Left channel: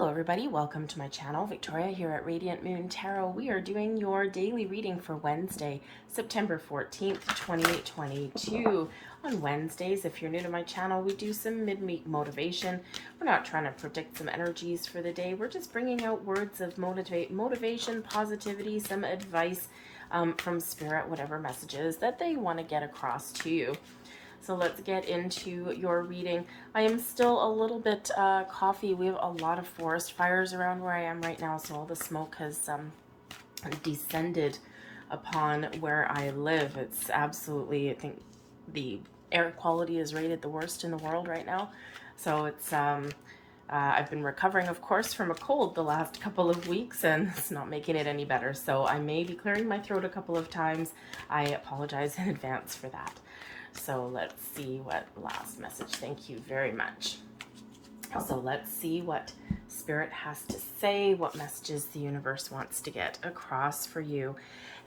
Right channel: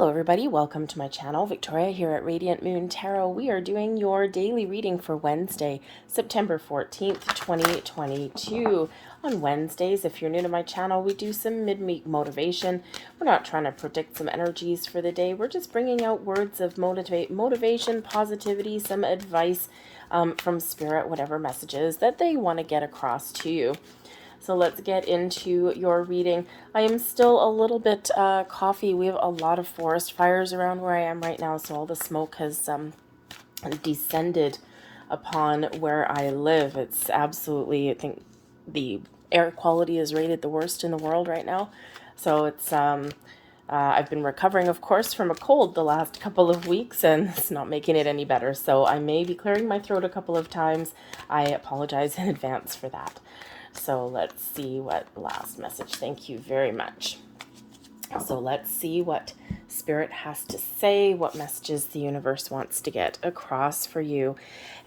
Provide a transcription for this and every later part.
Hello everybody, welcome to my channel. Victoria here at Radiant Moon Tarot. We are doing your daily reading for Wednesday, September 14th, 2022. On Wednesdays, if you're new to my channel, we do some midweek motivation. We're not trying to predict some energies for the day. We're just bringing out words of motivation, positivity, some advice from Spirit, whatever messages that they want to get across to you. So let's get into your reading. I am still a little bit coffee. We have a lot of forest fires around where I am right now, so all the smoke has descended upon where I live. It's absolutely, I think the air quality is rated the worst in the world right now. So it's I've been recovering, of course, from a cold the last couple of weeks, and it's not making it any better. So I may be clearing my throat a couple of times. I apologize in advance for that. So let's see what last message. Thank you very much. So let's see what Spirit has to say, what messages the universe wants to get across for you.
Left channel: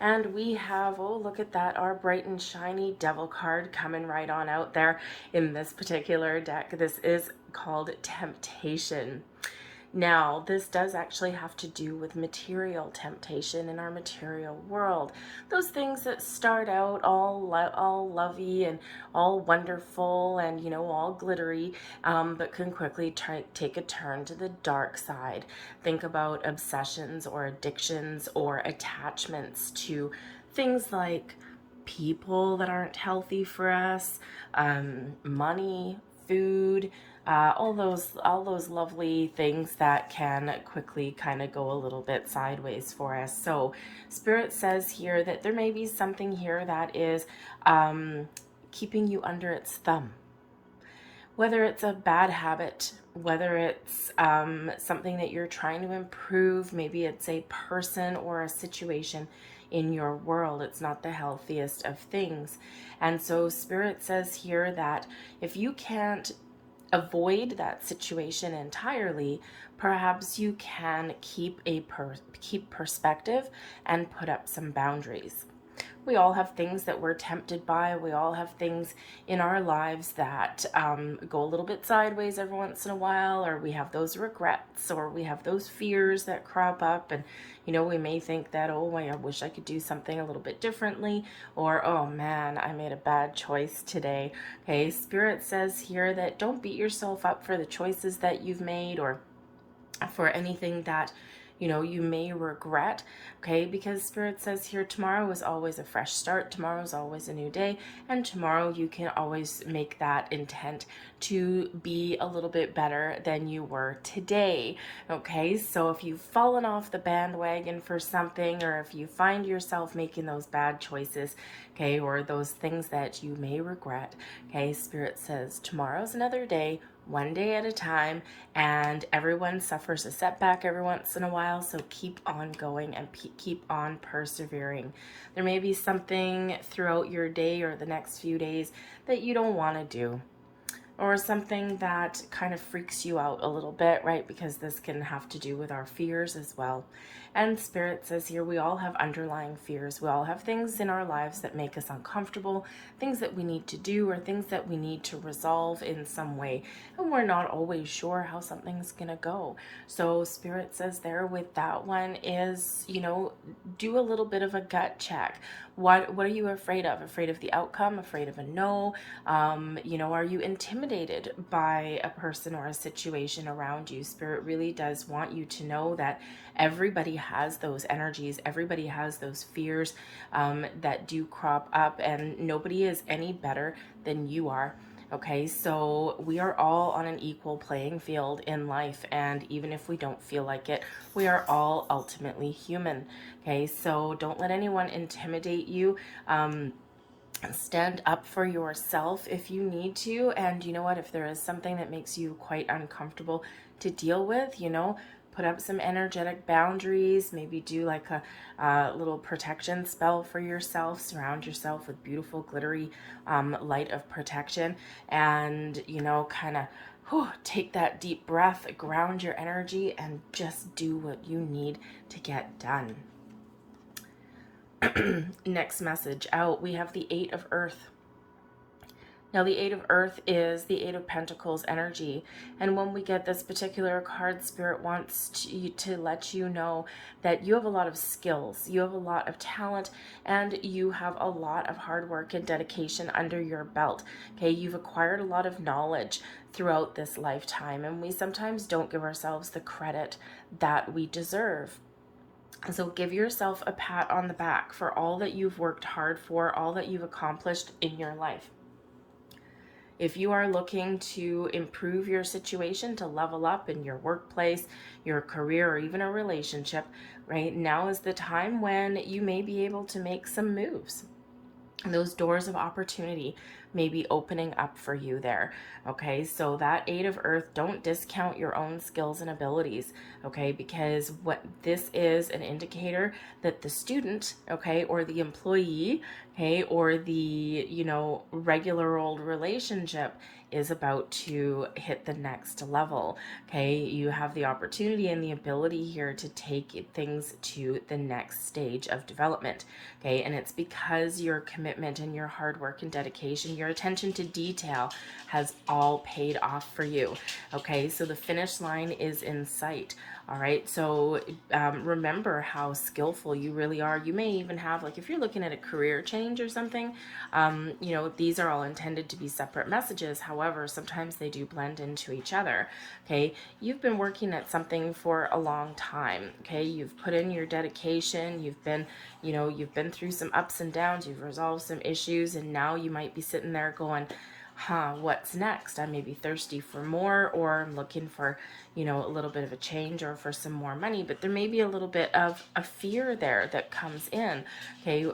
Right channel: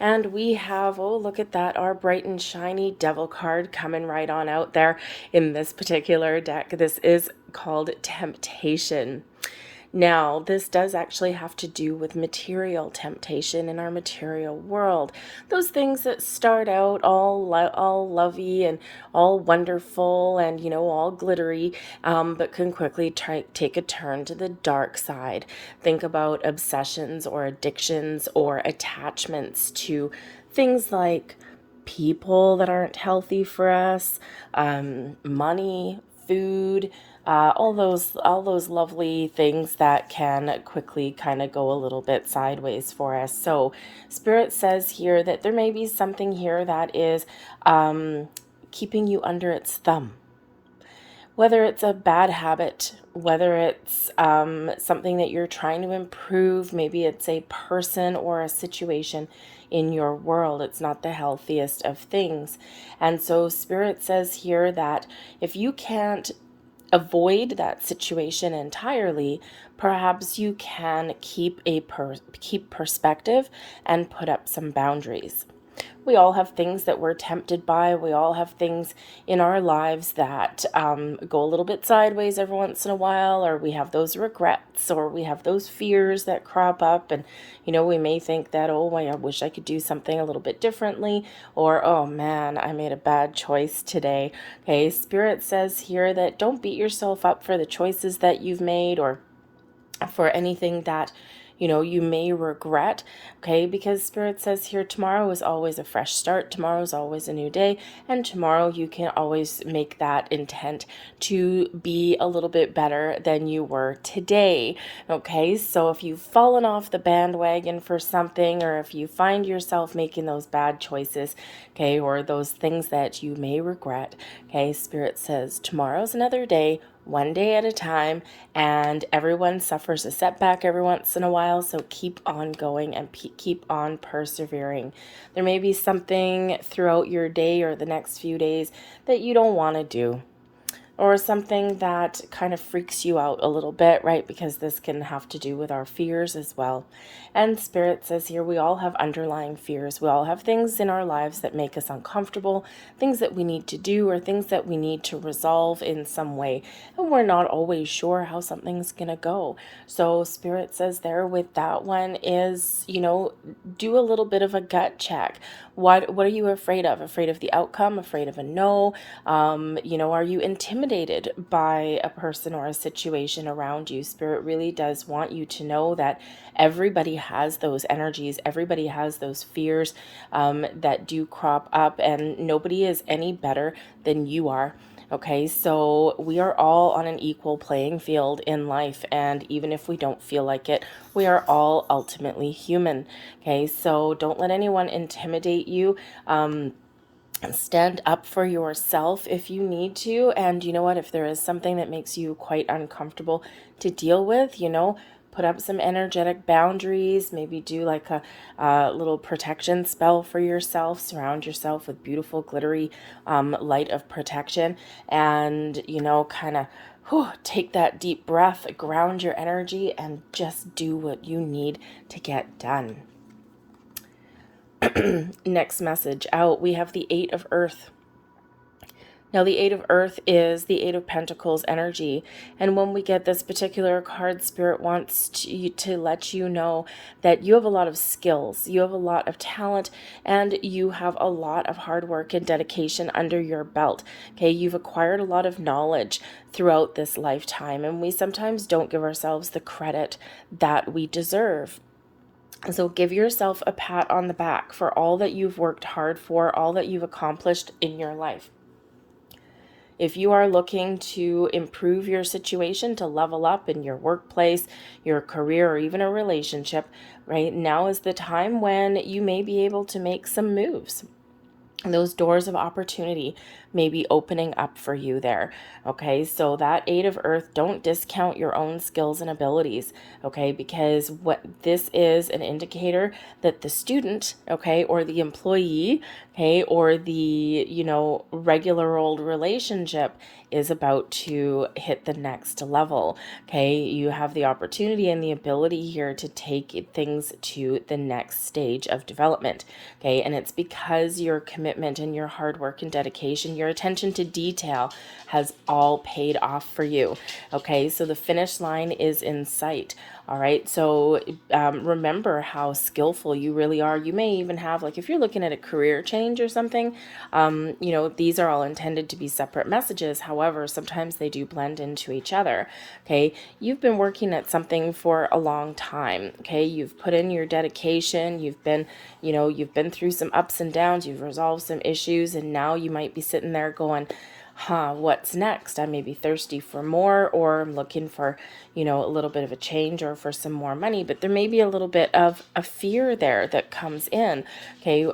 And we have, oh, look at that, our bright and shiny devil card coming right on out there in this particular deck. This is called Temptation. Now, this does actually have to do with material temptation in our material world. Those things that start out all lovey and all wonderful and, you know, all glittery, but can quickly take a turn to the dark side. Think about obsessions or addictions or attachments to things like people that aren't healthy for us, money, food, all those lovely things that can quickly kind of go a little bit sideways for us. So Spirit says here that there may be something here that is keeping you under its thumb. Whether it's a bad habit, whether it's something that you're trying to improve, maybe it's a person or a situation in your world. It's not the healthiest of things. And so Spirit says here that if you can't avoid that situation entirely, perhaps you can keep perspective and put up some boundaries. We all have things that we're tempted by. We all have things in our lives that go a little bit sideways every once in a while, or we have those regrets, or we have those fears that crop up. And, you know, we may think that, oh, I wish I could do something a little bit differently, or, oh man, I made a bad choice today. Okay, Spirit says here that don't beat yourself up for the choices that you've made or for anything that you may regret, okay? Because Spirit says here, tomorrow is always a fresh start. Tomorrow is always a new day. And tomorrow you can always make that intent to be a little bit better than you were today, okay? So if you've fallen off the bandwagon for something, or if you find yourself making those bad choices, okay, or those things that you may regret, okay, Spirit says tomorrow's another day, one day at a time, and everyone suffers a setback every once in a while, so keep on going and keep on persevering. There may be something throughout your day or the next few days that you don't want to do, or something that kind of freaks you out a little bit, right? Because this can have to do with our fears as well. And Spirit says here, we all have underlying fears. We all have things in our lives that make us uncomfortable, things that we need to do, or things that we need to resolve in some way. And we're not always sure how something's going to go. So Spirit says there with that one is, do a little bit of a gut check. What are you afraid of? Afraid of the outcome? Afraid of a no? Are you intimidated by a person or a situation around you? Spirit really does want you to know that everybody has those energies. Everybody has those fears that do crop up, and nobody is any better than you are. Okay, so we are all on an equal playing field in life, and even if we don't feel like it, we are all ultimately human. Okay, so don't let anyone intimidate you. Stand up for yourself if you need to, and you know what, if there is something that makes you quite uncomfortable to deal with, put up some energetic boundaries, maybe do like a little protection spell for yourself, surround yourself with beautiful glittery light of protection, and kind of take that deep breath, ground your energy, and just do what you need to get done. Next message out, we have the Eight of Earth. Now, the Eight of Earth is the Eight of Pentacles energy. And when we get this particular card, Spirit wants to let you know that you have a lot of skills, you have a lot of talent, and you have a lot of hard work and dedication under your belt. Okay, you've acquired a lot of knowledge throughout this lifetime, and we sometimes don't give ourselves the credit that we deserve. So give yourself a pat on the back for all that you've worked hard for, all that you've accomplished in your life. If you are looking to improve your situation, to level up in your workplace, your career, or even a relationship, right now is the time when you may be able to make some moves. Those doors of opportunity may be opening up for you there. Okay, so that Eight of Earth, don't discount your own skills and abilities. Okay, because what this is an indicator that the student, okay, or the employee, okay, or the, regular old relationship is about to hit the next level. Okay, you have the opportunity and the ability here to take things to the next stage of development. Okay, and it's because your commitment and your hard work and dedication, your attention to detail has all paid off for you. Okay, so the finish line is in sight. All right, so remember how skillful you really are. You may even have, like, if you're looking at a career change or something, these are all intended to be separate messages. However, sometimes they do blend into each other. Okay, you've been working at something for a long time. Okay, you've put in your dedication. You've been through some ups and downs. You've resolved some issues, and now you might be sitting there going, what's next? I may be thirsty for more, or I'm looking for, a little bit of a change or for some more money, but there may be a little bit of a fear there that comes in, okay,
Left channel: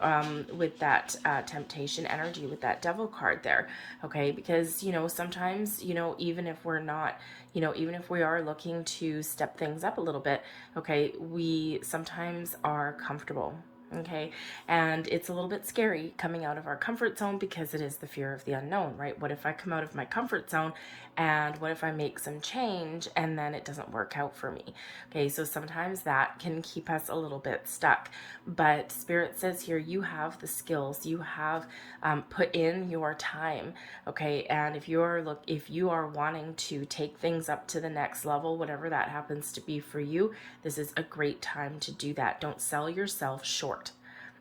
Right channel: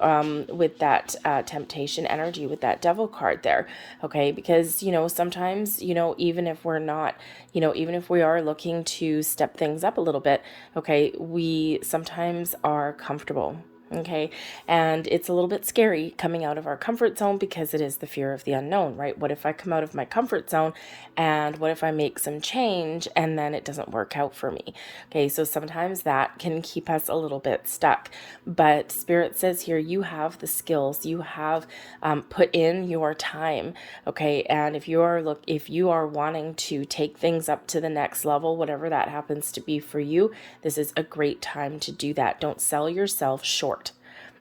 with that temptation energy, with that devil card there, okay, because, sometimes, even if we're not, even if we are looking to step things up a little bit, okay, we sometimes are comfortable. Okay, and it's a little bit scary coming out of our comfort zone because it is the fear of the unknown, right? What if I come out of my comfort zone, and what if I make some change and then it doesn't work out for me? Okay, so sometimes that can keep us a little bit stuck. But Spirit says here, you have the skills, you have put in your time. Okay, and if you are wanting to take things up to the next level, whatever that happens to be for you, this is a great time to do that. Don't sell yourself short.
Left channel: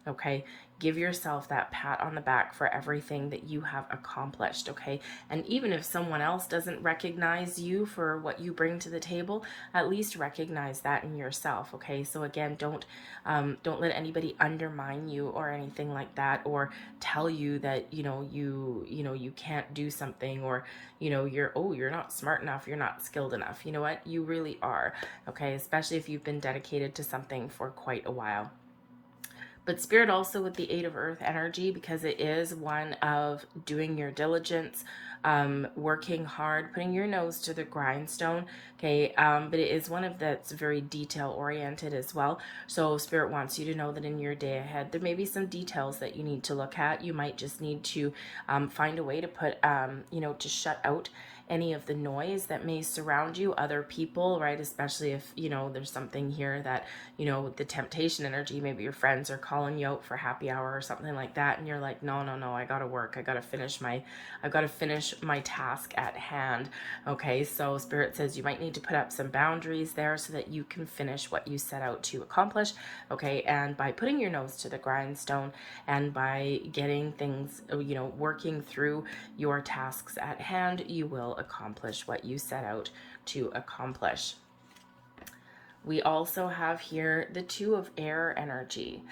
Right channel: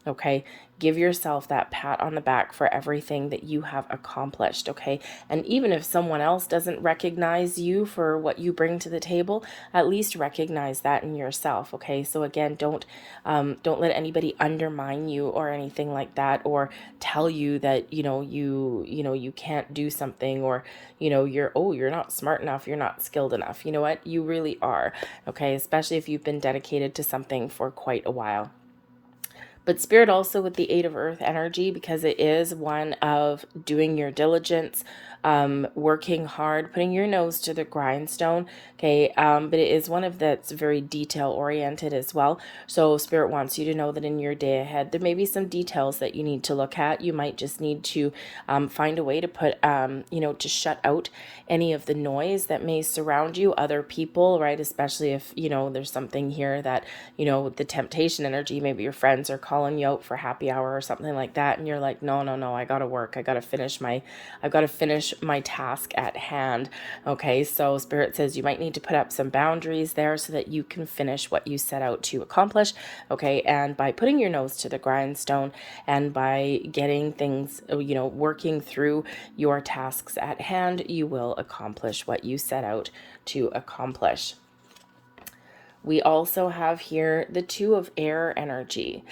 Okay, give yourself that pat on the back for everything that you have accomplished. Okay, and even if someone else doesn't recognize you for what you bring to the table, at least recognize that in yourself. Okay, so again, don't let anybody undermine you or anything like that, or tell you that you can't do something, or you're not smart enough, you're not skilled enough. You know what, you really are. Okay, especially if you've been dedicated to something for quite a while. But Spirit also with the Eight of Earth energy, because it is one of doing your diligence, working hard, putting your nose to the grindstone. Okay, but it is one of that's very detail oriented as well. So Spirit wants you to know that in your day ahead, there may be some details that you need to look at. You might just need to find a way to put, to shut out any of the noise that may surround you, other people, right? Especially if, there's something here that, the temptation energy, maybe your friends are calling you out for happy hour or something like that. And you're like, no, I got to work. I've got to finish my task at hand. Okay. So Spirit says you might need to put up some boundaries there so that you can finish what you set out to accomplish. Okay. And by putting your nose to the grindstone and by getting things, working through your tasks at hand, you will accomplish what you set out to accomplish. We also have here the Two of Air energy.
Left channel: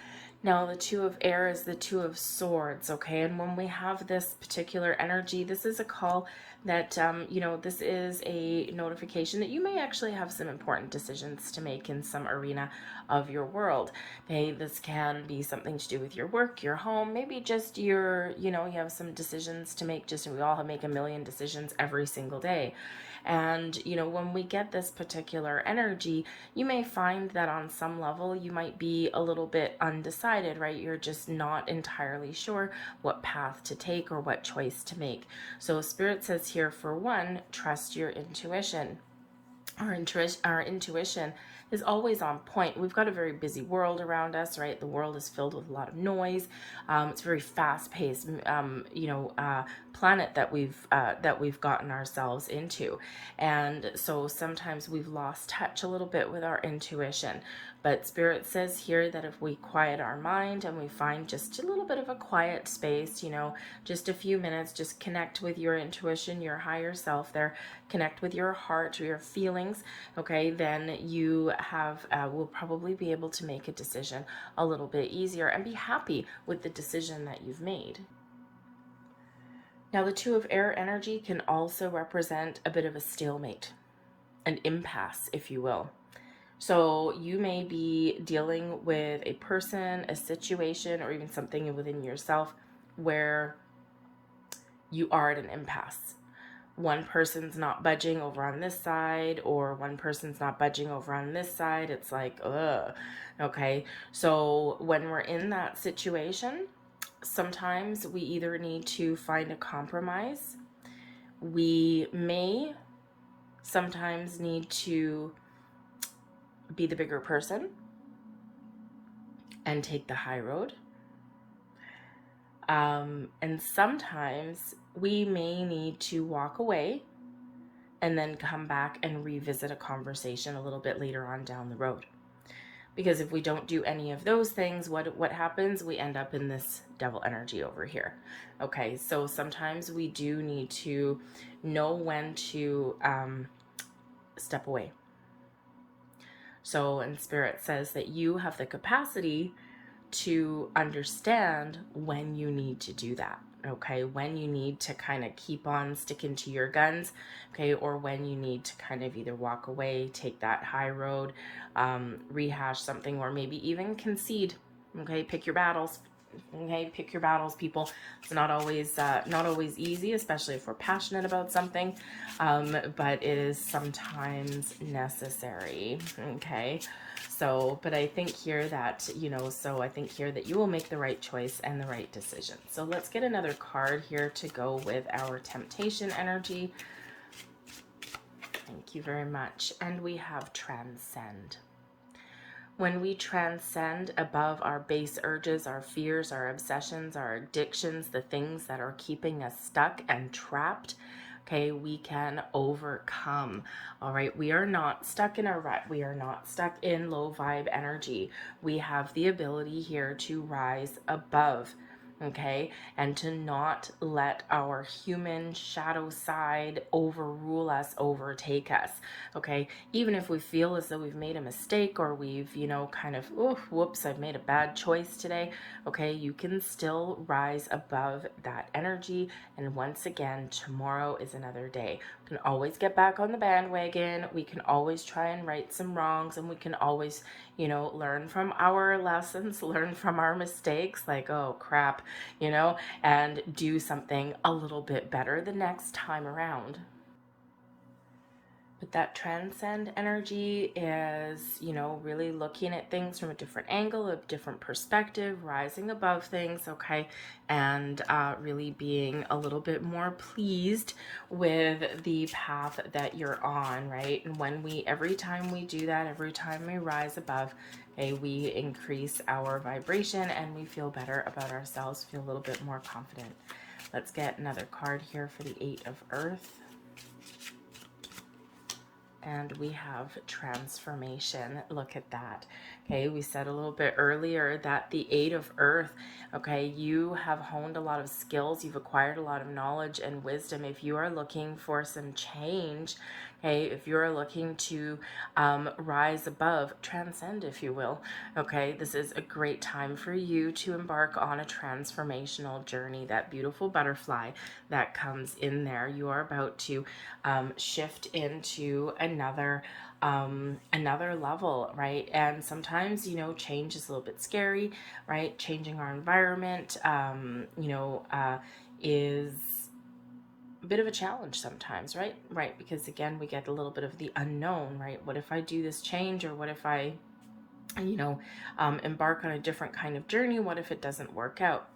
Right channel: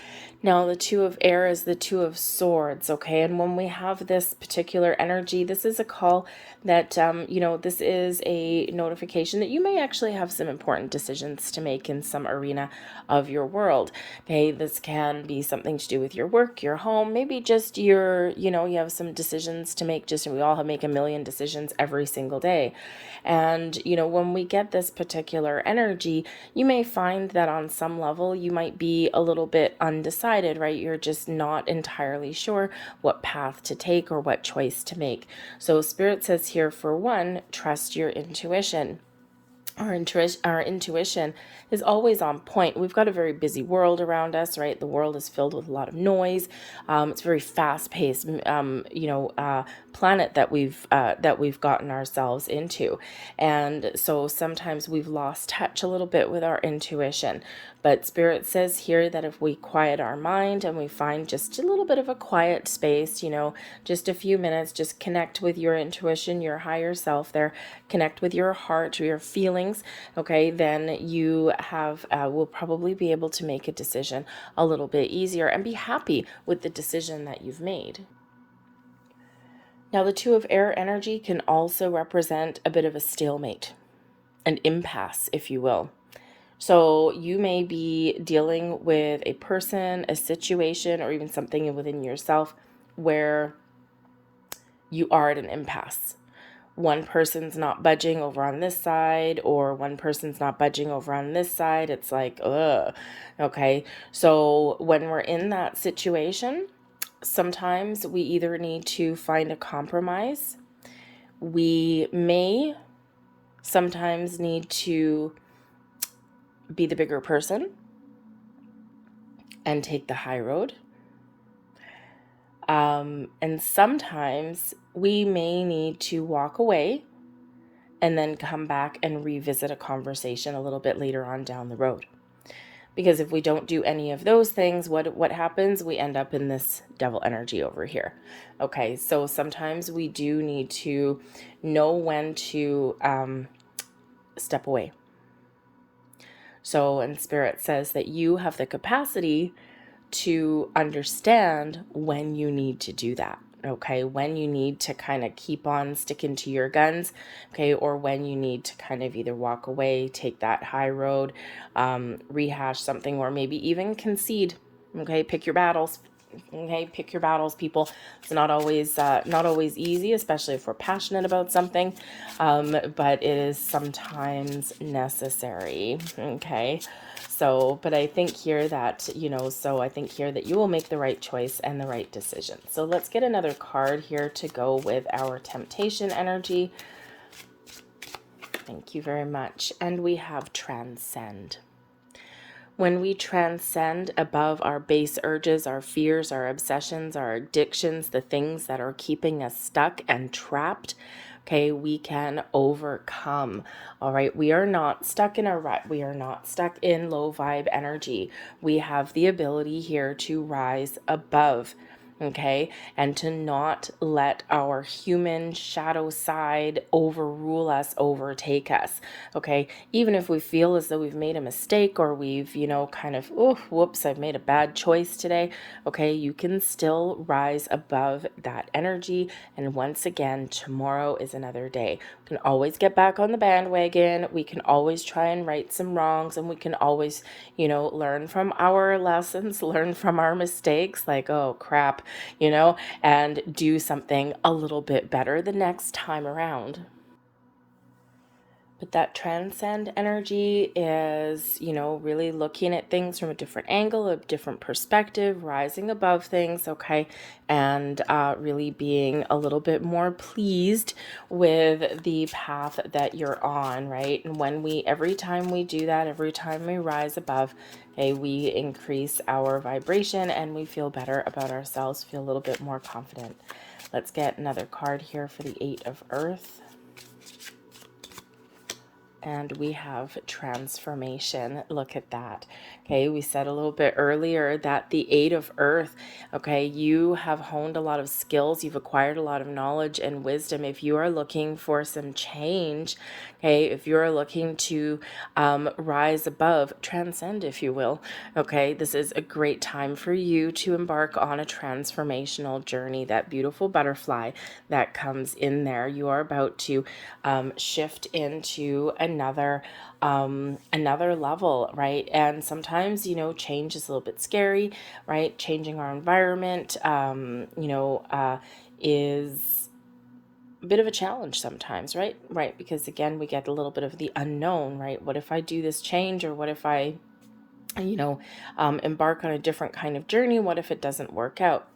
Now, the Two of Air is the Two of Swords, okay? And when we have this particular energy, this is a call that, this is a notification that you may actually have some important decisions to make in some arena of your world, okay? This can be something to do with your work, your home, maybe just your, you have some decisions to make. We all make a million decisions every single day. And, when we get this particular energy, you may find that on some level you might be a little bit undecided, right? You're just not entirely sure what path to take or what choice to make. So Spirit says here, for one, trust your intuition. our intuition is always on point. We've got a very busy world around us, right? The world is filled with a lot of noise. It's a very fast-paced, planet that we've gotten ourselves into, and so sometimes we've lost touch a little bit with our intuition. But Spirit says here that if we quiet our mind and we find just a little bit of a quiet space, just a few minutes, just connect with your intuition, your higher self there, connect with your heart, your feelings, okay, then you will probably be able to make a decision a little bit easier and be happy with the decision that you've made. Now, the Two of Air energy can also represent a bit of a stalemate, an impasse, if you will. So you may be dealing with a person, a situation, or even something within yourself where you are at an impasse. One person's not budging over on this side, or one person's not budging over on this side. It's like, ugh. Okay. So when we're in that situation, sometimes we either need to find a compromise. We may sometimes need to be the bigger person and take the high road. And sometimes we may need to walk away and then come back and revisit a conversation a little bit later on down the road. Because if we don't do any of those things, what happens? We end up in this devil energy over here. Okay, so sometimes we do need to know when to step away. So, and Spirit says that you have the capacity to understand when you need to do that. Okay, when you need to kind of keep on sticking to your guns, okay, or when you need to kind of either walk away, take that high road, rehash something, or maybe even concede. Okay, pick your battles. Okay, pick your battles, people. It's not always easy, especially if we're passionate about something, but it is sometimes necessary. Okay, so, but I think here that I think here that you will make the right choice and the right decision. So let's get another card here to go with our temptation energy. Thank you very much. And we have Transcend. When we transcend above our base urges, our fears, our obsessions, our addictions, the things that are keeping us stuck and trapped, okay, we can overcome. All right, we are not stuck in a rut. We are not stuck in low vibe energy. We have the ability here to rise above. Okay, and to not let our human shadow side overrule us, overtake us. Okay, even if we feel as though we've made a mistake or we've, kind of, oh, whoops, I've made a bad choice today. Okay, you can still rise above that energy. And once again, tomorrow is another day. We can always get back on the bandwagon. We can always try and right some wrongs, and we can always, learn from our lessons, learn from our mistakes, like, oh crap, and do something a little bit better the next time around. But that transcend energy is, really looking at things from a different angle, a different perspective, rising above things, okay, and really being a little bit more pleased with the path that you're on, right? And every time we do that, every time we rise above, okay, we increase our vibration and we feel better about ourselves, feel a little bit more confident. Let's get another card here for the Eight of Earth. And we have transformation. Look at that. Okay, we said a little bit earlier that the Eight of Earth, okay, you have honed a lot of skills. You've acquired a lot of knowledge and wisdom. If you are looking for some change, okay, if you're looking to rise above, transcend, if you will, okay, this is a great time for you to embark on a transformational journey. That beautiful butterfly that comes in there. You are about to shift into another level, right? And sometimes, change is a little bit scary, right? Changing our environment, is a bit of a challenge sometimes, right? Right, because again, we get a little bit of the unknown, right? What if I do this change, or what if I, embark on a different kind of journey? What if it doesn't work out?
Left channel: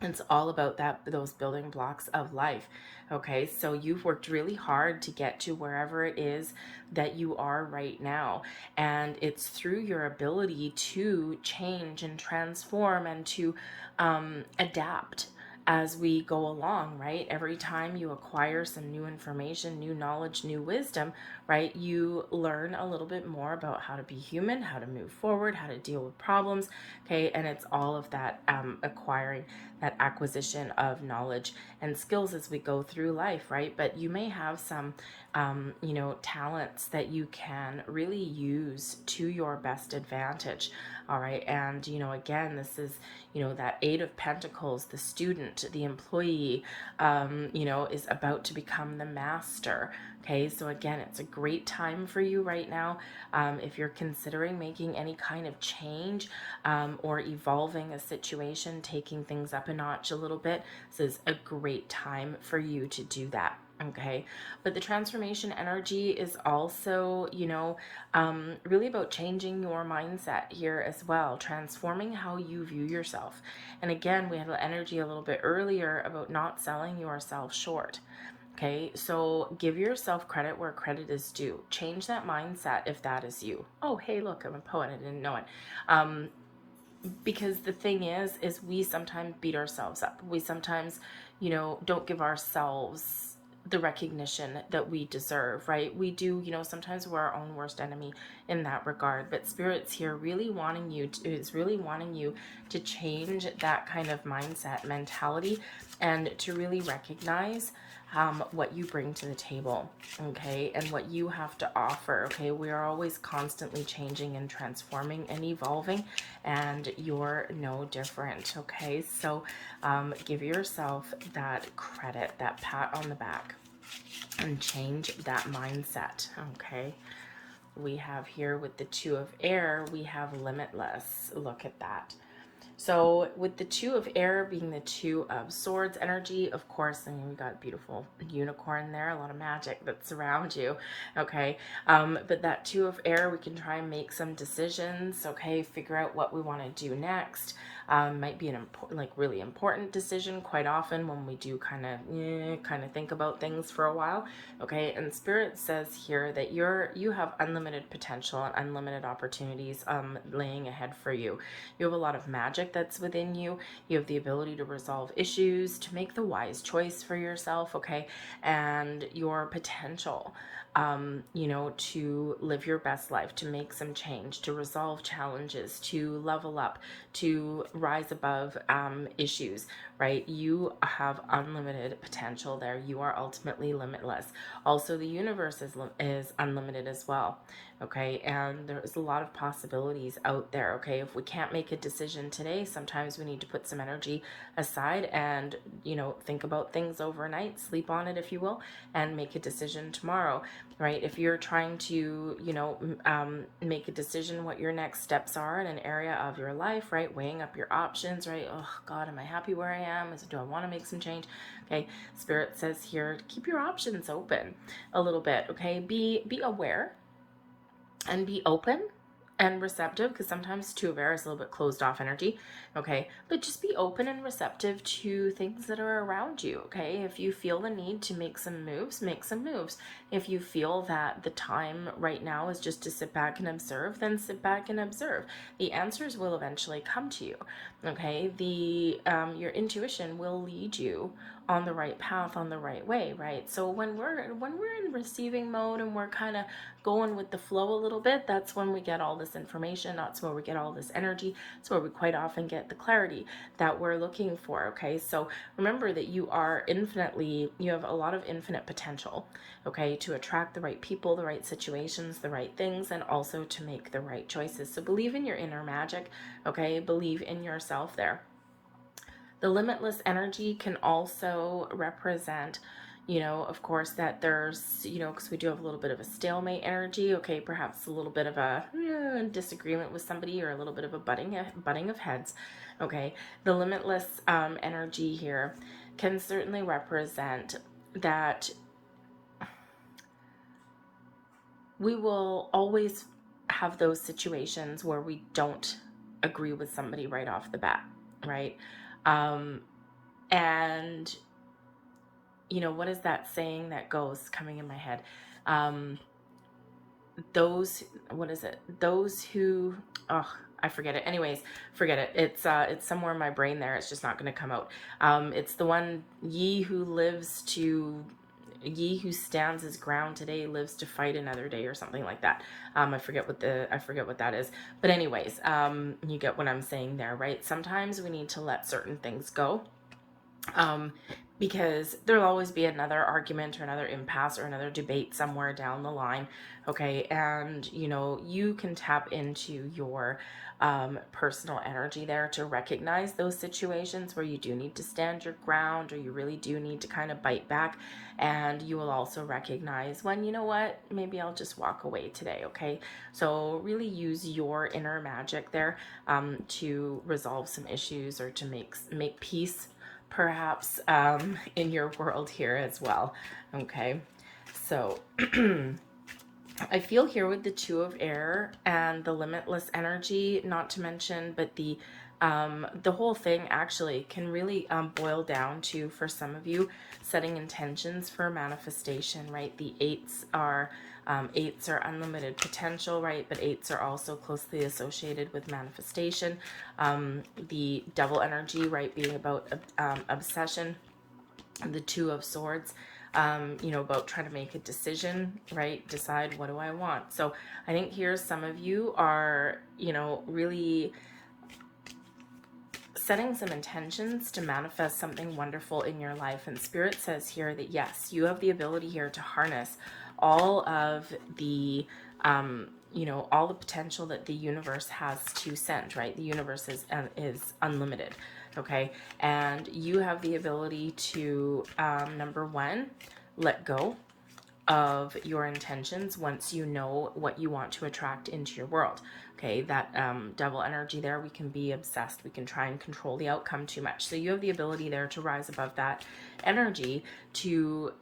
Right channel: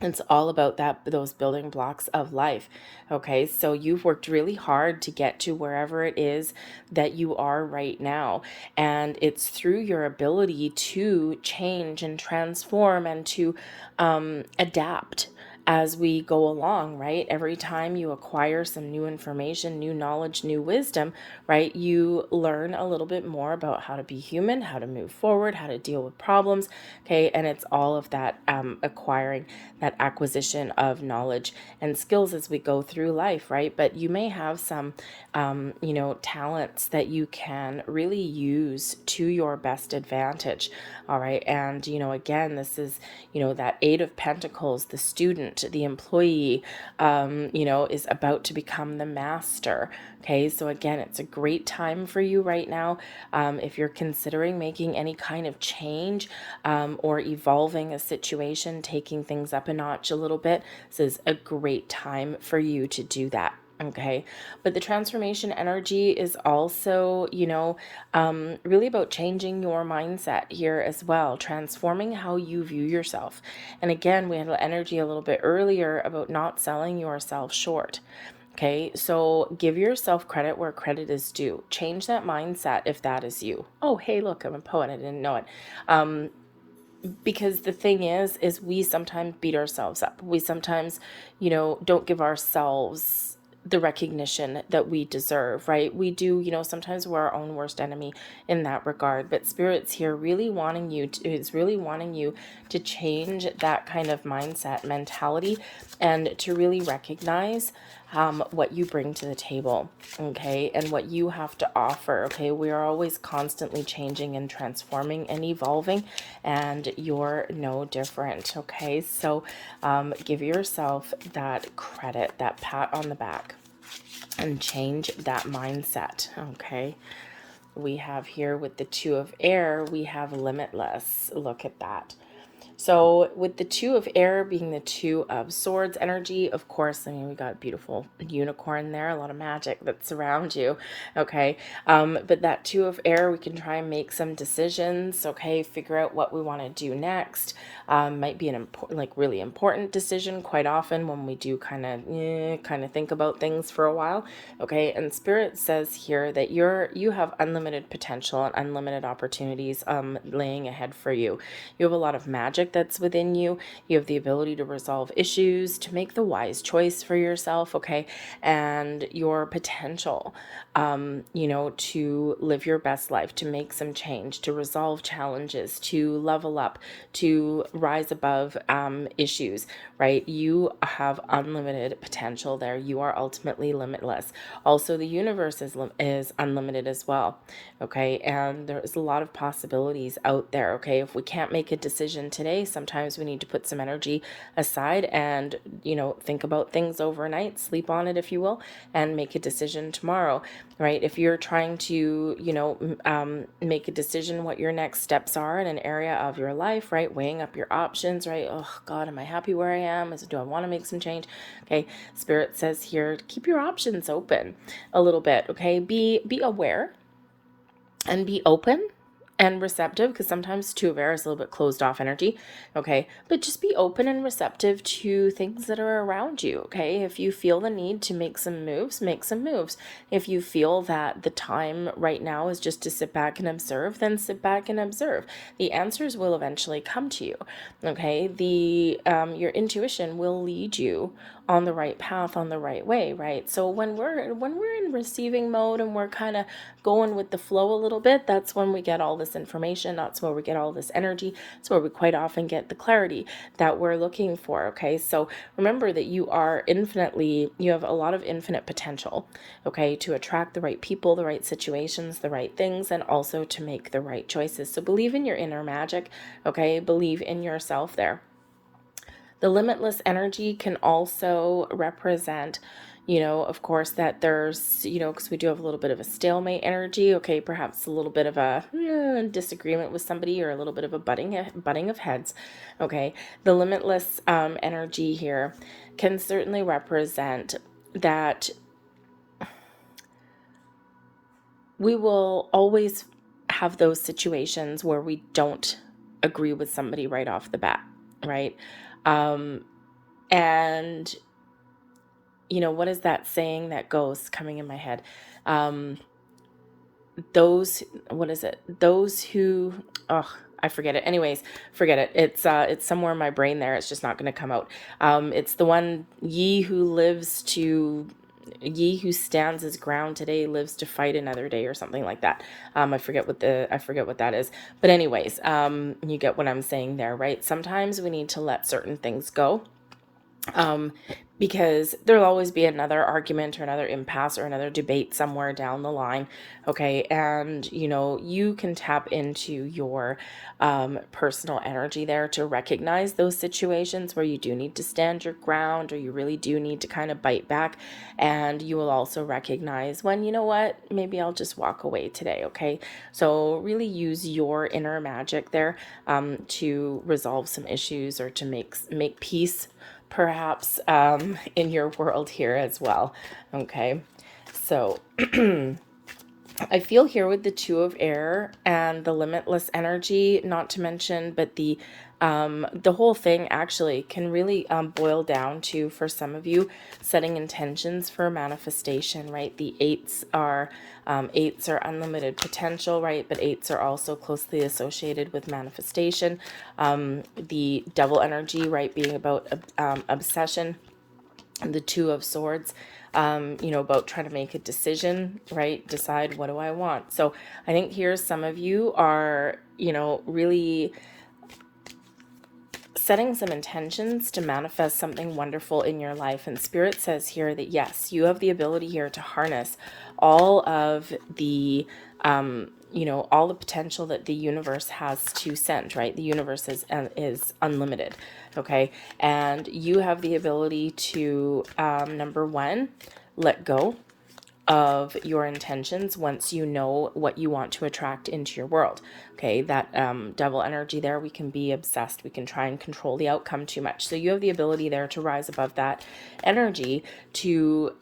It's all about those building blocks of life. Okay, so you've worked really hard to get to wherever it is that you are right now, and it's through your ability to change and transform and to adapt as we go along, right? Every time you acquire some new information, new knowledge, new wisdom, right, you learn a little bit more about how to be human, how to move forward, how to deal with problems. Okay, and it's all of that acquiring, that acquisition of knowledge and skills as we go through life, right? But you may have some talents that you can really use to your best advantage. All right, and again, this is that Eight of Pentacles, the student, the employee, is about to become the master. Okay, so again, it's a great time for you right now. If you're considering making any kind of change or evolving a situation, taking things up a notch a little bit, this is a great time for you to do that. Okay, but the transformation energy is also, really about changing your mindset here as well, transforming how you view yourself. And again, we had energy a little bit earlier about not selling yourself short. Okay, so give yourself credit where credit is due. Change that mindset if that is you. Oh, hey, look, I'm a poet. I didn't know it. Because the thing is we sometimes beat ourselves up. We sometimes, don't give ourselves the recognition that we deserve, right? We do, sometimes we're our own worst enemy in that regard. But Spirit's here really wanting you to, is really wanting you to change that kind of mindset, mentality, and to really recognize what you bring to the table, okay, and what you have to offer, okay? We are always constantly changing and transforming and evolving, and you're no different, okay? So give yourself that credit, that pat on the back, and change that mindset, okay? We have here with the Two of Air, we have limitless. Look at that. So with the Two of Air being the Two of Swords energy, of course, I mean, we got a beautiful unicorn there, a lot of magic that surrounds you, okay? But that Two of Air, we can try and make some decisions, okay? Figure out what we want to do next. Might be an important, like really important decision quite often when we do kind of think about things for a while, okay? And Spirit says here that you have unlimited potential and unlimited opportunities laying ahead for you. You have a lot of magic that's within you. You have the ability to resolve issues, to make the wise choice for yourself, okay? And your potential, to live your best life, to make some change, to resolve challenges, to level up, to rise above issues, right? You have unlimited potential there. You are ultimately limitless. Also, the universe is unlimited as well, okay? And there's a lot of possibilities out there, okay? If we can't make a decision today, sometimes we need to put some energy aside and, think about things overnight, sleep on it, if you will, and make a decision tomorrow, right? If you're trying to, make a decision what your next steps are in an area of your life, right? Weighing up your options, right? Oh God, am I happy where I am? Do I want to make some change? Okay, Spirit says here, keep your options open a little bit, okay? Be aware and be open and receptive, because sometimes Two of Air is a little bit closed off energy, okay? But just be open and receptive to things that are around you, okay? If you feel the need to make some moves, make some moves. If you feel that the time right now is just to sit back and observe, then sit back and observe. The answers will eventually come to you, okay? Your intuition will lead you on the right path, on the right way, right? So when we're in receiving mode and we're kind of going with the flow a little bit, that's when we get all this information. That's where we get all this energy. That's where we quite often get the clarity that we're looking for, okay? So remember that you have a lot of infinite potential, okay, to attract the right people, the right situations, the right things, and also to make the right choices. So believe in your inner magic, okay? Believe in yourself there. The limitless energy can also represent, of course, that there's, because we do have a little bit of a stalemate energy, okay, perhaps a little bit of a disagreement with somebody or a little bit of a butting of heads, okay. The limitless energy here can certainly represent that we will always have those situations where we don't agree with somebody right off the bat, right? And, what is that saying that goes coming in my head? Those, what is it? Those who, oh, I forget it. Anyways, forget it. It's somewhere in my brain there. It's just not going to come out. It's the one, ye who stands his ground today lives to fight another day, or something like that. I forget what that is. But anyways, you get what I'm saying there, right? Sometimes we need to let certain things go, because there'll always be another argument or another impasse or another debate somewhere down the line. Okay. And, you can tap into your personal energy there to recognize those situations where you do need to stand your ground, or you really do need to kind of bite back. And you will also recognize when, you know what, maybe I'll just walk away today. Okay. So really use your inner magic there, to resolve some issues, or to make peace, perhaps, in your world here as well. Okay, so I feel here with the Two of Air and the limitless energy, not to mention, but the whole thing actually can really boil down to, for some of you, setting intentions for manifestation, right? The eights are unlimited potential, right? But eights are also closely associated with manifestation. The Devil energy, right, being about obsession. And the Two of Swords, about trying to make a decision, right? Decide, what do I want? So I think here some of you are, really setting some intentions to manifest something wonderful in your life. And Spirit says here that yes, you have the ability here to harness all of the all the potential that the universe has to send, right? The universe is unlimited. Okay. And you have the ability to, number one, let go of your intentions once you know what you want to attract into your world. Okay, that devil energy there, we can be obsessed. We can try and control the outcome too much. So you have the ability there to rise above that energy to,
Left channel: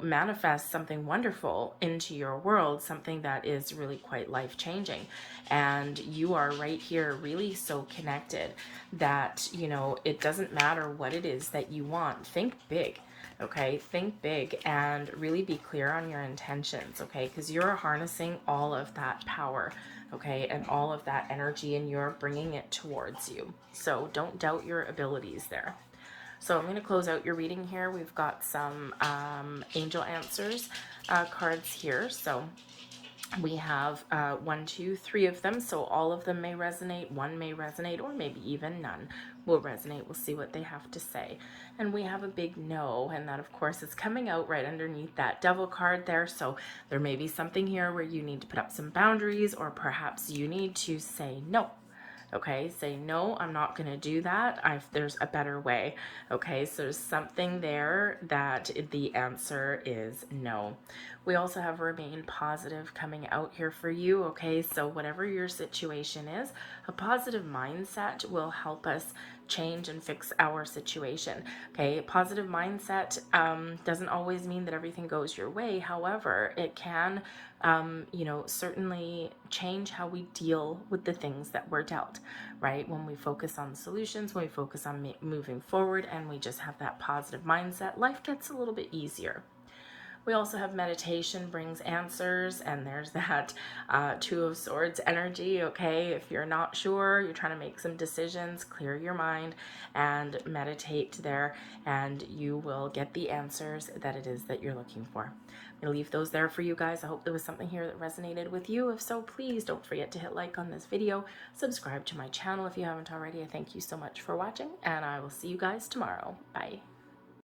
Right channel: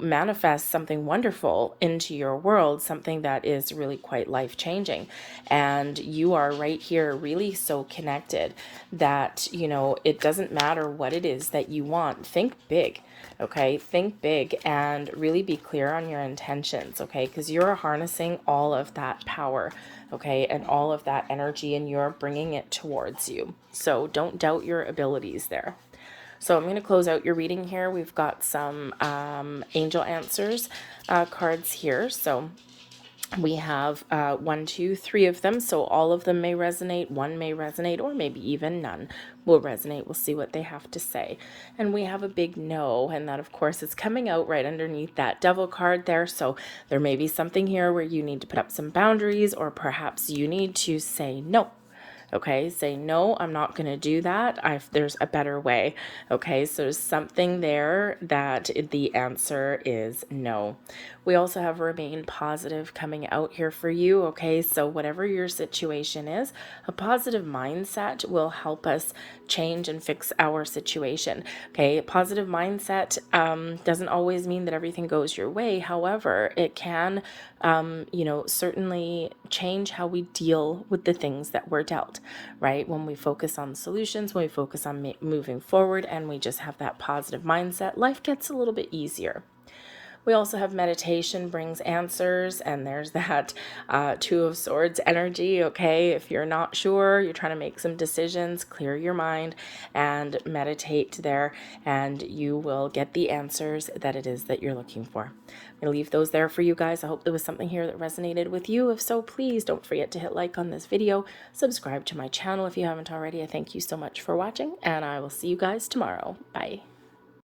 manifest something wonderful into your world, something that is really quite life-changing. And you are right here really so connected that, it doesn't matter what it is that you want. Think big. Okay, think big and really be clear on your intentions, okay? Because you're harnessing all of that power, okay, and all of that energy, and you're bringing it towards you. So don't doubt your abilities there. So I'm going to close out your reading here. We've got some angel answers cards here. So we have 1, 2, 3 of them, so all of them may resonate. One may resonate, or maybe even none will resonate. We'll see what they have to say. And we have a big no, and that of course is coming out right underneath that devil card there. So there may be something here where you need to put up some boundaries, or perhaps you need to say no. Okay, say no, I'm not going to do that. There's a better way. Okay, so there's something there that the answer is no. We also have remain positive coming out here for you. Okay, so whatever your situation is, a positive mindset will help us change and fix our situation. Okay, a positive mindset doesn't always mean that everything goes your way. However, it can, certainly change how we deal with the things that we're dealt, right? When we focus on solutions, when we focus on moving forward, and we just have that positive mindset, life gets a little bit easier. We also have meditation brings answers, and there's that Two of Swords energy. Okay, if you're not sure, you're trying to make some decisions, clear your mind and meditate there, and you will get the answers that it is that you're looking for. I'm going to leave those there for you guys. I hope there was something here that resonated with you. If so, please don't forget to hit like on this video, subscribe to my channel if you haven't already. I thank you so much for watching, and I will see you guys tomorrow. Bye.